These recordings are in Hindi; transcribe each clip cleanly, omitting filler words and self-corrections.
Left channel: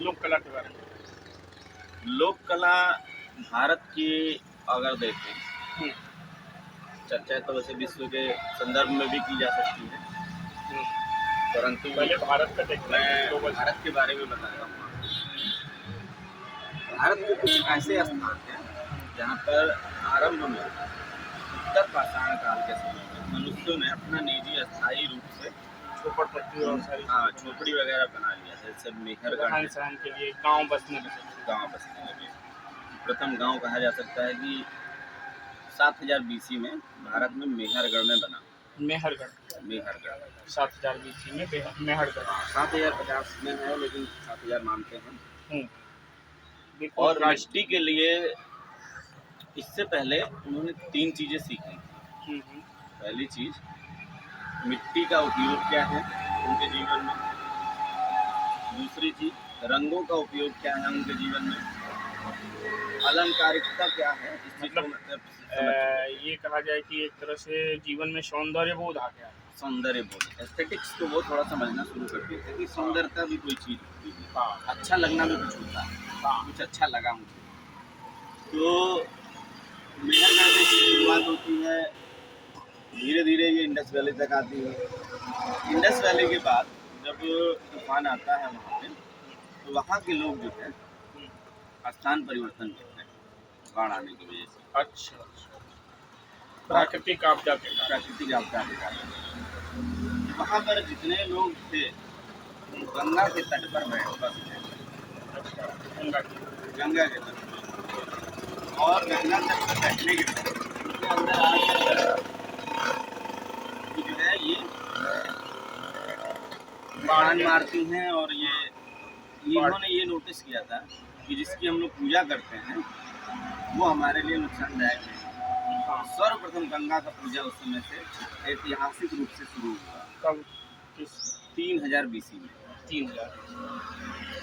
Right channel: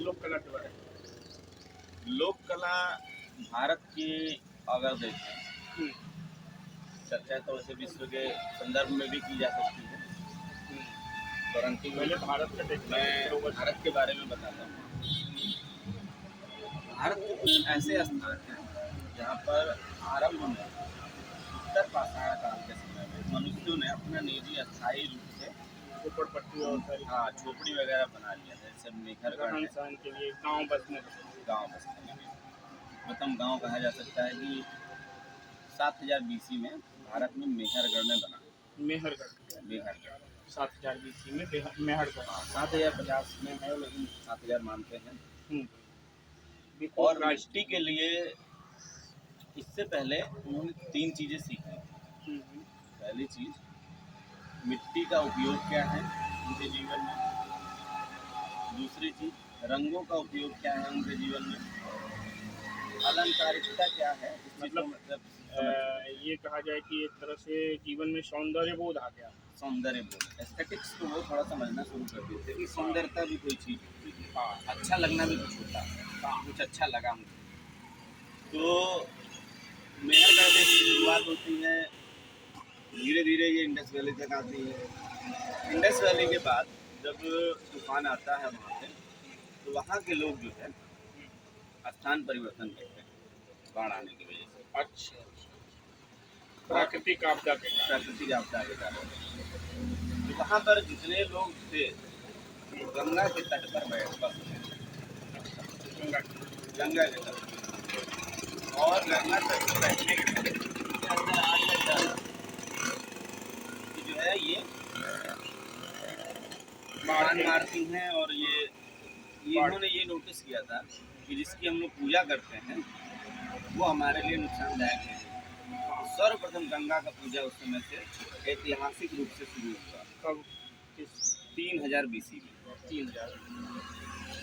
लोक कला के बारे में। लोक कला भारत की अगर देखें, हुँ, चर्चा तो वैसे विश्व के संदर्भ में भी की जा सकती है, हुँ। परंतु पहले भारत का देखते हैं, मैं ग्लोबल। भारत के बारे में बता रहा हूँ आपको। भारत के कुछ ऐसे स्थान हैं जहाँ पर आरंभ में उत्तर पाषाण काल के समय में मनुष्यों ने अपना निजी अस्थायी रूप से झोपड़पट्टी और सारी हाँ चीज़ें झोपड़ी वगैरह बना लिया था। जैसे मेहरगढ़ है, रहन-सहन के लिए गाँव बसने लगे। गांव बसने लगे। प्रथम गांव कहा जा सकता है कि 7000 बीसी में भारत में मेहरगढ़ में बना। मेहरगढ़, मेहरगढ़ 7000 बीसी में मेहरगढ़। 7050 में है, लेकिन 7000 मानते हैं। हुँ, बिफोर और क्राइस्ट। मिट्टी के लिए इससे पहले उन्होंने 3 चीज़ें सीखी। हुँ, हुँ। पहली चीज़, मिट्टी का उपयोग क्या है उनके जीवन में। दूसरी चीज़, रंगों का उपयोग क्या है उनके जीवन में। अलंकारिकता क्या है, इस चीज़ को मतलब मतलब समझ चुके थे। ये कहा जाए कि एक तरह से जीवन में सौंदर्य बोध आ गया। सौंदर्य बोध, एस्थेटिक्स को वो थोड़ा समझना शुरू कर दिए थे कि सौंदर्यता भी कोई चीज़ होती है, हाँ, अच्छा लगना भी कुछ होता है, हाँ। कुछ अच्छा लगा मुझे। तो मेहरगढ़ में इसकी शुरुआत होती है, धीरे धीरे ये इंडस वैली तक आती है। इंडस वैली के बाद जब तूफान आता है वहाँ पे, तो वहाँ के लोग जो है हुँ, स्थान परिवर्तन करते हैं बाढ़ आने की वजह से। अच्छा, अच्छा। प्राकृतिक आपदा के कारण। प्राकृतिक आपदा के कारण तो वहाँ पर जितने लोग थे हुँ, गंगा के तट पर बसते थे। अच्छा, गंगा की। गंगा के तट पर, और गंगा तट पर बैठने के बाद उनके अंदर आ गया कि जो है ये बाढ़ तूफान के मारती हैं। और ये बाढ़ इन्होंने ये नोटिस किया था कि जिसकी हम लोग पूजा करते हैं वो हमारे लिए नुकसानदायक है। तो हाँ, सर्वप्रथम गंगा का पूजा उस समय से ऐतिहासिक रूप से शुरू हुआ, कब किस 3000 बीसी में। 3000।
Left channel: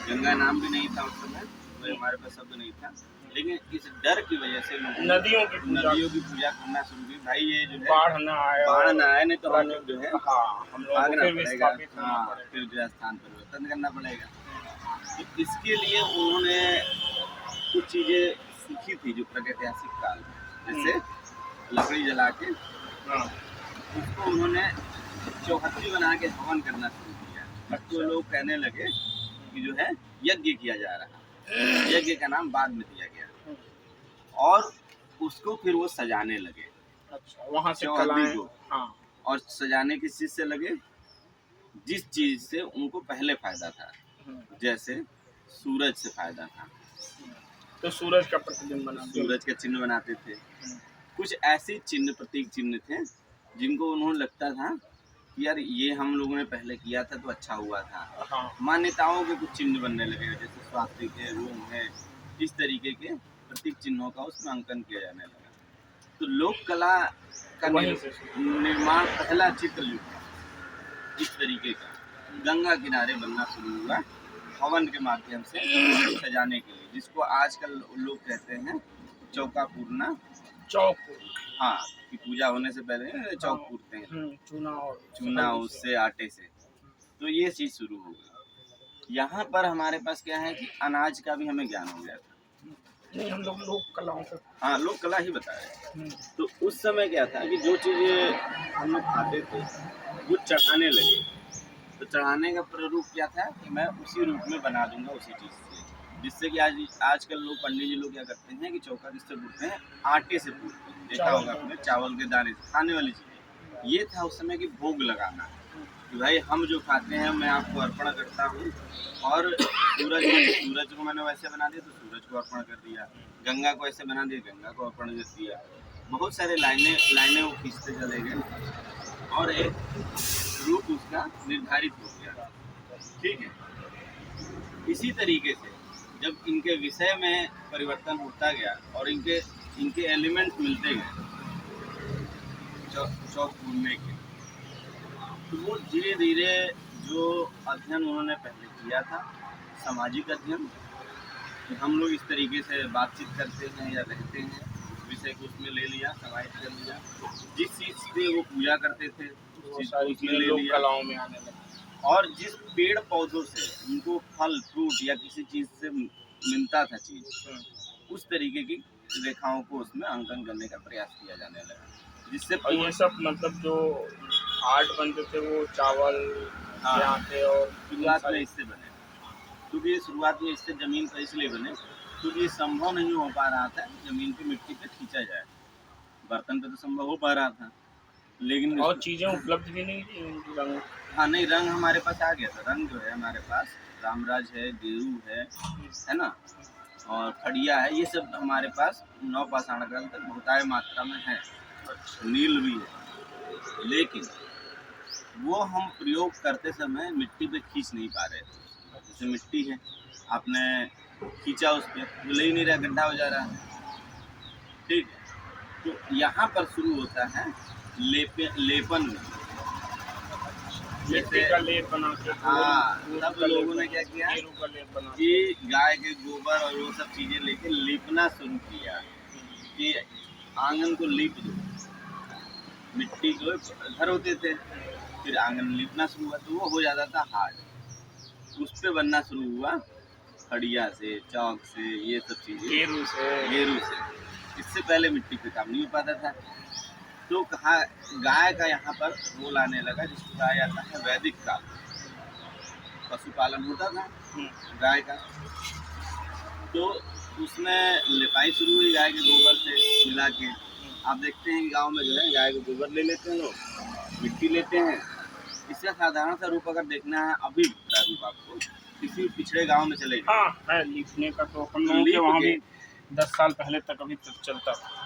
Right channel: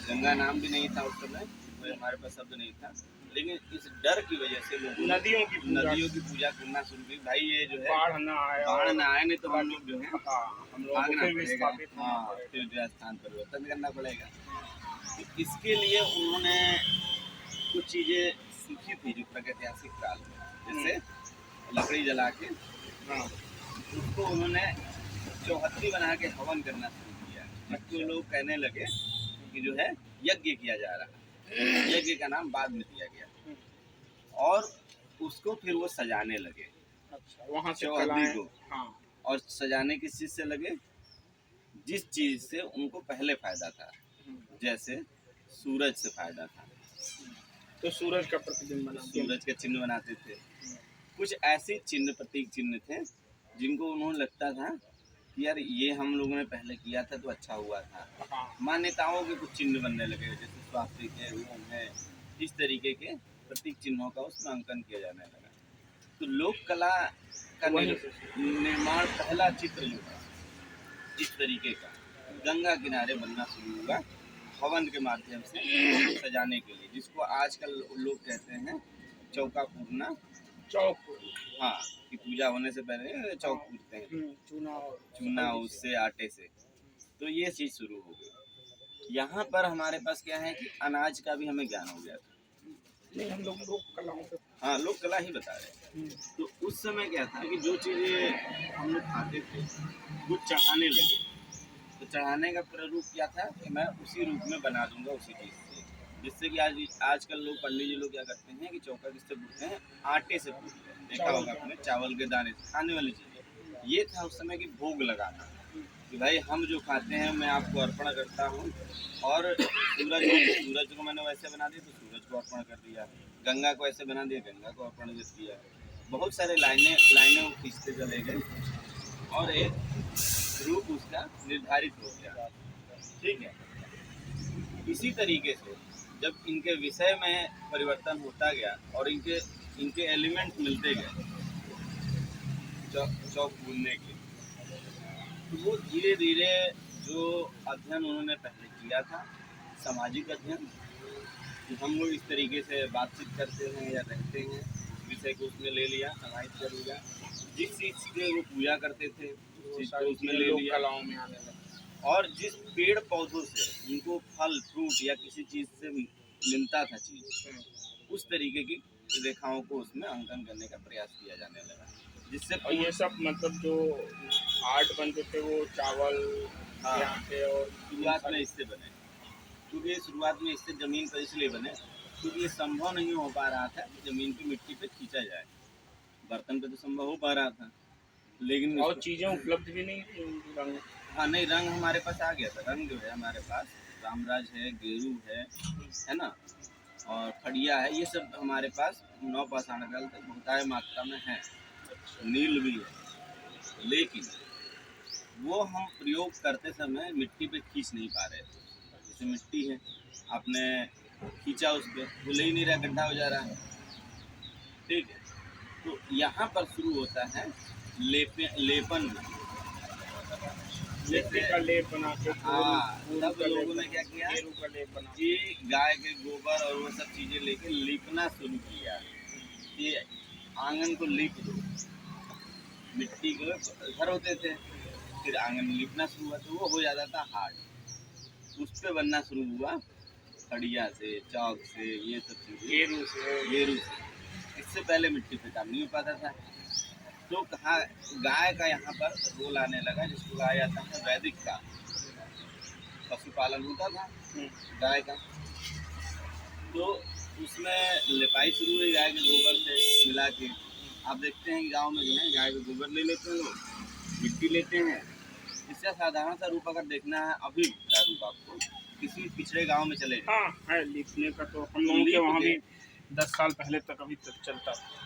गंगा नाम भी नहीं था उस समय, कोई हमारे पास शब्द नहीं था, लेकिन इस डर की वजह से लोगों ने नदियों की पूजा करना शुरू की। भाई ये जो है बाढ़ ना आए बाढ़ और ना आए, नहीं तो हम लोग जो है हाँ, हम लोगों को भागना फिर पड़ेगा। विस्थापित होना हाँ, पड़ेगा। फिर जो है स्थान परिवर्तन करना पड़ेगा। तो इसके लिए उन्होंने कुछ चीज़ें सीखी थी जो प्रागैतिहासिक काल में, जैसे लकड़ी जला के हाँ, उसको उन्होंने चौहद्दी बना के हवन करना शुरू किया, जिसको अच्छा। लोग कहने लगे कि जो है यज्ञ किया जा रहा है। यज्ञ का नाम बाद में दिया गया, हुँ, और उसको फिर वो सजाने लगे अच्छा, वहाँ से चौहद्दी कलाएँ। को। हाँ, और सजाने किस चीज़ से लगे, जिस चीज़ से उनको पहले फायदा था। हुँ, जैसे सूरज से फायदा था, हुँ। तो सूरज का प्रतिबिंब बना बिंब। सूरज के चिन्ह बनाते थे। हुँ, कुछ ऐसे चिन्ह, प्रतीक चिन्ह थे जिनको उन्होंने लगता था कि यार ये हम लोगों ने पहले किया था तो अच्छा हुआ था। हाँ, मान्यताओं के कुछ चिन्ह बनने लगे, जैसे स्वास्तिक है, रोम है, इस तरीके के प्रतीक चिन्हों का उसमें अंकन किया जाने लगा। तो लोक कला का तो वहीं से शुरू। निर्माण, पहला चित्र जो है इस तरीके का गंगा किनारे बनना शुरू हुआ, हवन के माध्यम से सजाने के लिए, जिसको आजकल लोग कहते हैं चौका पूरना। चौक। हाँ, कि पूजा होने से पहले हाँ, चौक पूरते हैं, चूना और चूना हल्दी से। उससे, आटे से। तो ये चीज़ शुरू हो गई। यहाँ पर हमारे पास क्या है कि अनाज का भी हमें ज्ञान हो गया था। नहीं, हम लोग लोक कलाओं से। हाँ, लोक कला ही बता रहे हैं। हुँ, तो उस समय क्या था कि जो चीज़ें हम लोग खाते थे वो चढ़ाने लगे। तो चढ़ाने का प्रारूप क्या था कि मैं उसी रूप में बना दूंगा उसी चीज़ से, जिससे कि आजकल लोग, पंडित जी लोग क्या करते हैं कि चौका किससे पूरते हैं, आटे से पूरते हैं। देखा चावल होगा का आपने, आटा। चावल के दाने से खाने वाली चीज़ें। ये था उस समय की भोग लगाना, हुँ, कि भाई हम जो खाते हैं मैं आपको अर्पण करता हूँ। और सूरज को मैंने वैसे बना दिया तो सूरज को अर्पण कर दिया, गंगा को ऐसे बना दिया, गंगा को अर्पण कर दिया। बहुत सारे लाइनें लाइनें वो खींचते चले गए और एक रूप उसका निर्धारित हो गया। ठीक है। इसी तरीके से जब इनके विषय में परिवर्तन होता गया और इनके इनके एलिमेंट मिलते गए चौक बुनने के, तो वो धीरे धीरे जो अध्ययन उन्होंने पहले किया था, सामाजिक अध्ययन, कि हम लोग इस तरीके से बातचीत करते हैं या रहते हैं, उस विषय को उसमें ले लिया, समाहित कर लिया। जिस चीज़ से वो पूजा करते थे उस वो चीज़ को सारी उसमें चीज़ें ले लोक लिया। कलाओं में आने लगी। और जिस पेड़ पौधों से उनको फल फ्रूट या किसी चीज से मिलता था चीज, उस तरीके की रेखाओं को उसमें अंकन करने का प्रयास किया जाने लगा, जिससे और ये सब मतलब जो आर्ट बनते थे वो चावल हाँ, के आटे और शुरुआत में इससे बने, क्योंकि ये शुरुआत में इससे जमीन पर इसलिए बने क्योंकि ये संभव नहीं हो पा रहा था जमीन पे मिट्टी पे खींचा जाए। बर्तन पे तो संभव हो पा रहा था, लेकिन और चीजें उपलब्ध भी नहीं थी रंग। हाँ नहीं, रंग हमारे पास आ गया था। रंग जो है हमारे पास रामराज है, गेरू है ना, और खड़िया है, ये सब हमारे पास नवपाषाण काल तक बहुतायत मात्रा में है। नील भी है, लेकिन वो हम प्रयोग करते समय मिट्टी पे खींच नहीं पा रहे थे। जैसे मिट्टी है, आपने खींचा उस पर, वो ले ही नहीं रहा, गड्ढा हो जा रहा है। ठीक है, तो यहाँ पर शुरू होता है लेपन में। मिट्टी का लेप बना के हाँ, फूल तब का लेप लोगों ने बना क्या के, किया गेरू का लेप बना कि गाय के गोबर और वो सब चीजें लेके लीपना शुरू किया कि आंगन को लीप दो। मिट्टी के घर होते थे, फिर आंगन लीपना शुरू हुआ तो वो हो जाता था हार्ड, उस पे बनना शुरू हुआ खड़िया से, चौक से, ये सब चीजें गेरू से। गेरू से। इससे पहले मिट्टी पे काम नहीं हो पाता था। तो कहा गाय का यहाँ पर रोल आने लगा, जिसको कहा जाता है वैदिक काल। पशुपालन होता था गाय का, तो उसमें लिपाई शुरू हुई गाय के गोबर से मिला के। आप देखते हैं कि गांव में जो है गाय के गोबर ले लेते हैं लोग, मिट्टी लेते हैं। इसका साधारण सा रूप अगर देखना है अभी का रूप आपको, किसी पिछड़े गांव में चले गए, हाँ है लिखने का, तो हम लोगों के लीप वहाँ के भी 10 साल पहले तक अभी तक चलता था।